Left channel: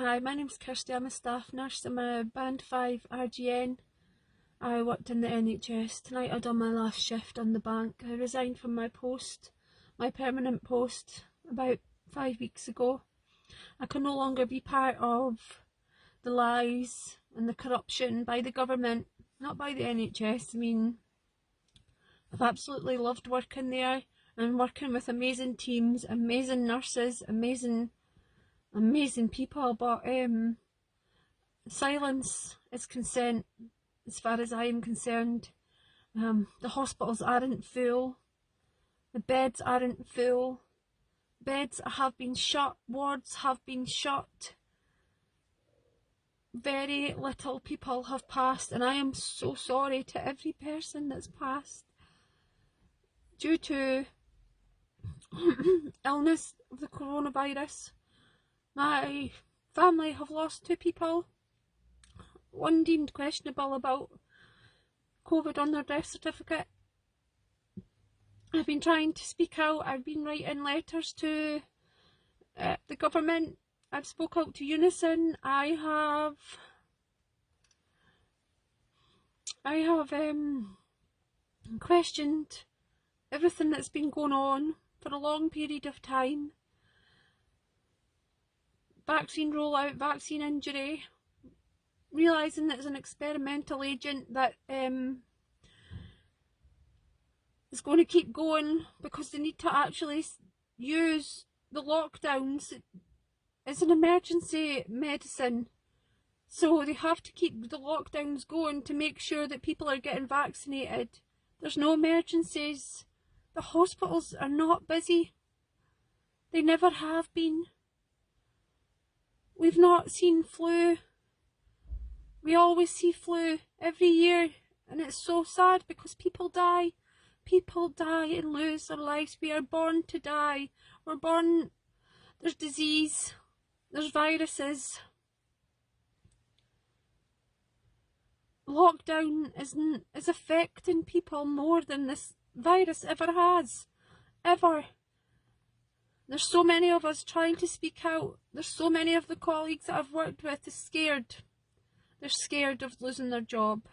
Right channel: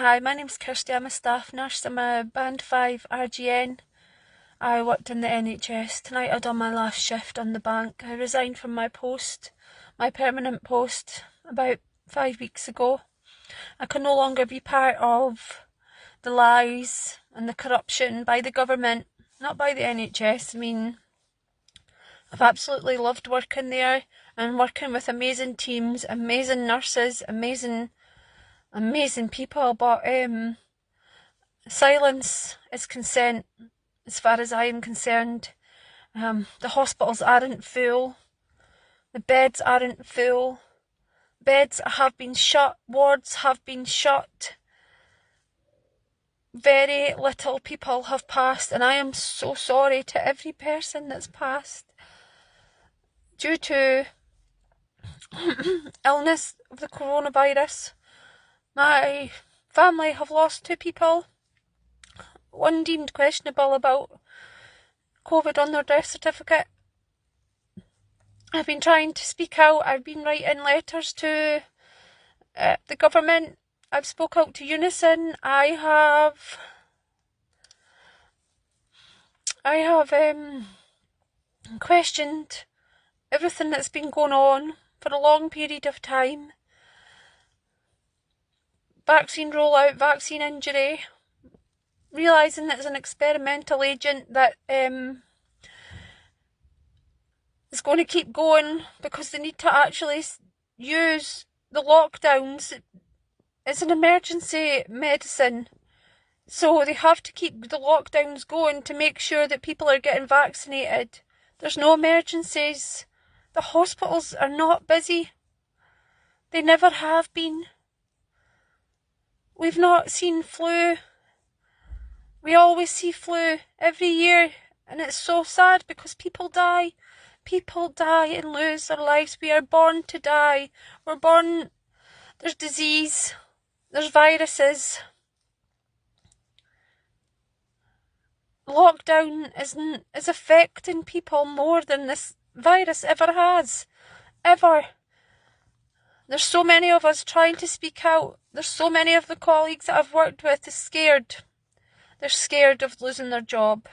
Hi, my name's Kirsty. I'm a staff nurse. I'm a band 5 RGN. I worked in the NHS. Tonight I done my last shift on the bank. I resigned from my post, my permanent post, about 5 weeks ago. I can no longer be part of the lies and the corruption by the government, not by the NHS. I mean, I've absolutely loved working there and working with amazing teams, amazing nurses, amazing people, but silence is consent as far as I am concerned. The hospitals aren't full, the beds aren't full, beds have been shut, wards have been shut, very little people have passed, and I am so sorry to every person that's passed due to illness of the coronavirus. My family have lost 2 people, one deemed questionable about COVID on their death certificate. I've been trying to speak out. I've been writing letters to the government. I've spoke out to Unison. I have questioned everything that's been going on for a long period of time. Vaccine rollout, vaccine injury, realising that it's an experimental agent that is going to keep going because they need to actually use the lockdowns as an emergency medicine. So they have to keep the lockdowns going to make sure that people are getting vaccinated. There's no emergencies. The hospitals are not busy. They never have been. We've not seen flu. We always see flu every year, and it's so sad because people die. People die and lose their lives. We are born to die. We're born, there's disease, there's viruses. Lockdown is affecting people more than this virus ever has. Ever. There's so many of us trying to speak out. There's so many of the colleagues that I've worked with are scared. They're scared of losing their job.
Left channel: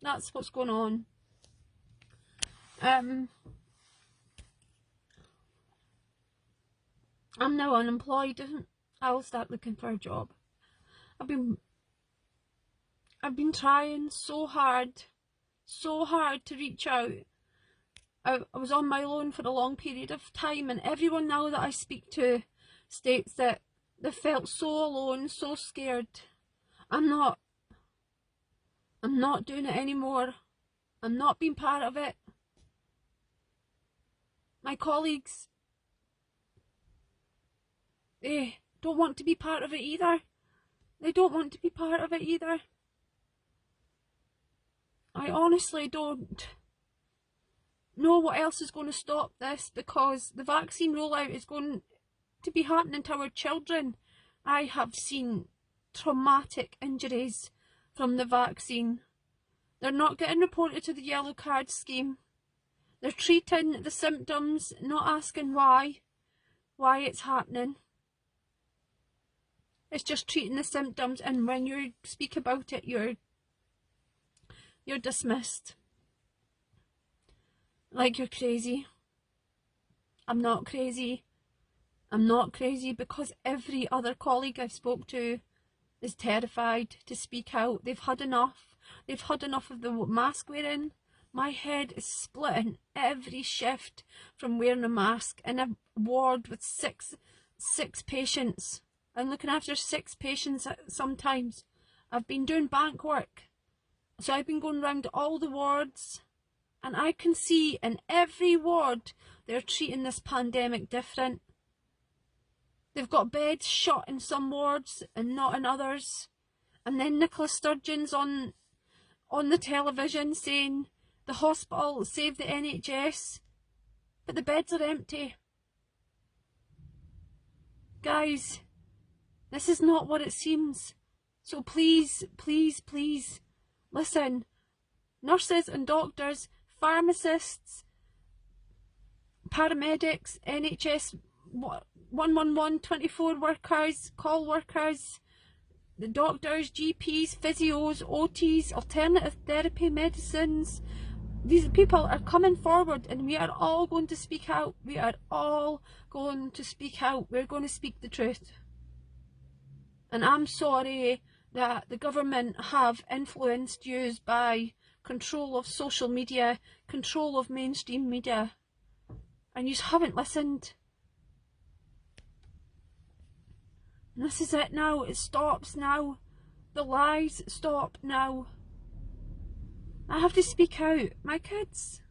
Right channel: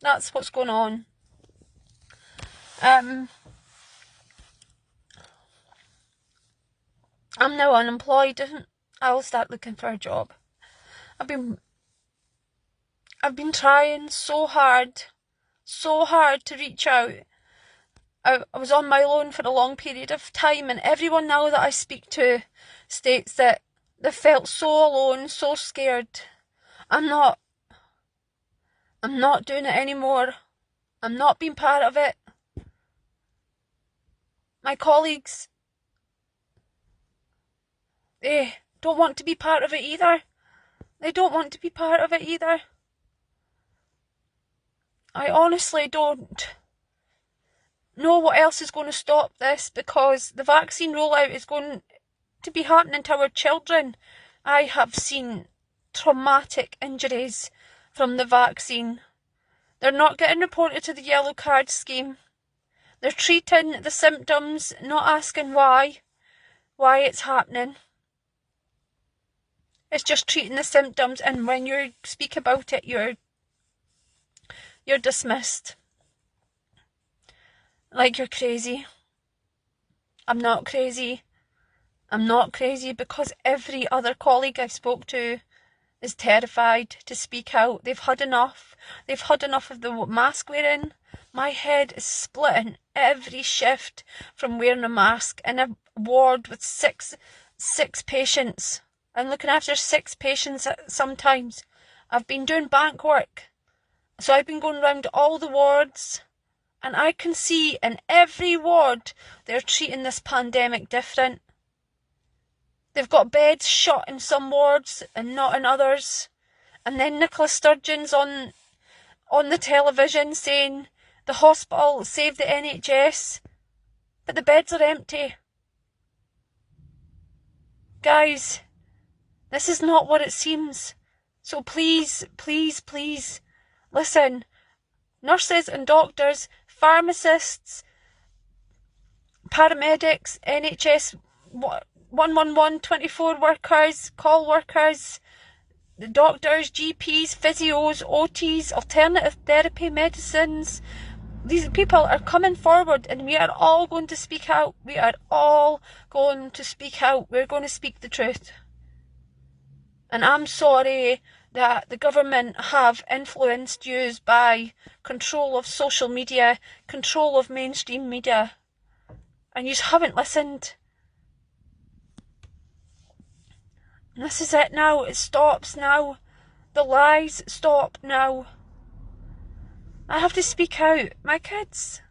That's what's going on. I'm now unemployed. I will start looking for a job. I've been trying so hard to reach out. I was on my own for a long period of time, and everyone now that I speak to states that they felt so alone, so scared. I'm not doing it anymore. I'm not being part of it. My colleagues, they don't want to be part of it either. They don't want to be part of it either. I honestly don't know what else is going to stop this, because the vaccine rollout is going to be happening to our children. I have seen traumatic injuries from the vaccine. They're not getting reported to the yellow card scheme. They're treating the symptoms, not asking why it's happening. It's just treating the symptoms, and when you speak about it, you're dismissed. Like you're crazy. I'm not crazy. I'm not crazy, because every other colleague I spoke to is terrified to speak out. They've had enough. They've had enough of the mask wearing. My head is splitting every shift from wearing a mask in a ward with six patients. I'm looking after 6 patients sometimes. I've been doing bank work, so I've been going around all the wards, and I can see in every ward they're treating this pandemic different. They've got beds shut in some wards and not in others. And then Nicola Sturgeon's on the television saying the hospital saved the NHS, but the beds are empty. Guys, this is not what it seems. So please, please, please, listen. Nurses and doctors, pharmacists, paramedics, NHS 111, 24 workers, call workers, the doctors, GPs, physios, OTs, alternative therapy, medicines. These people are coming forward and we are all going to speak out. We are all going to speak out. We're going to speak the truth. And I'm sorry that the government have influenced you by control of social media, control of mainstream media, and you haven't listened. And this is it now. It stops now. The lies stop now. I have to speak out. My kids.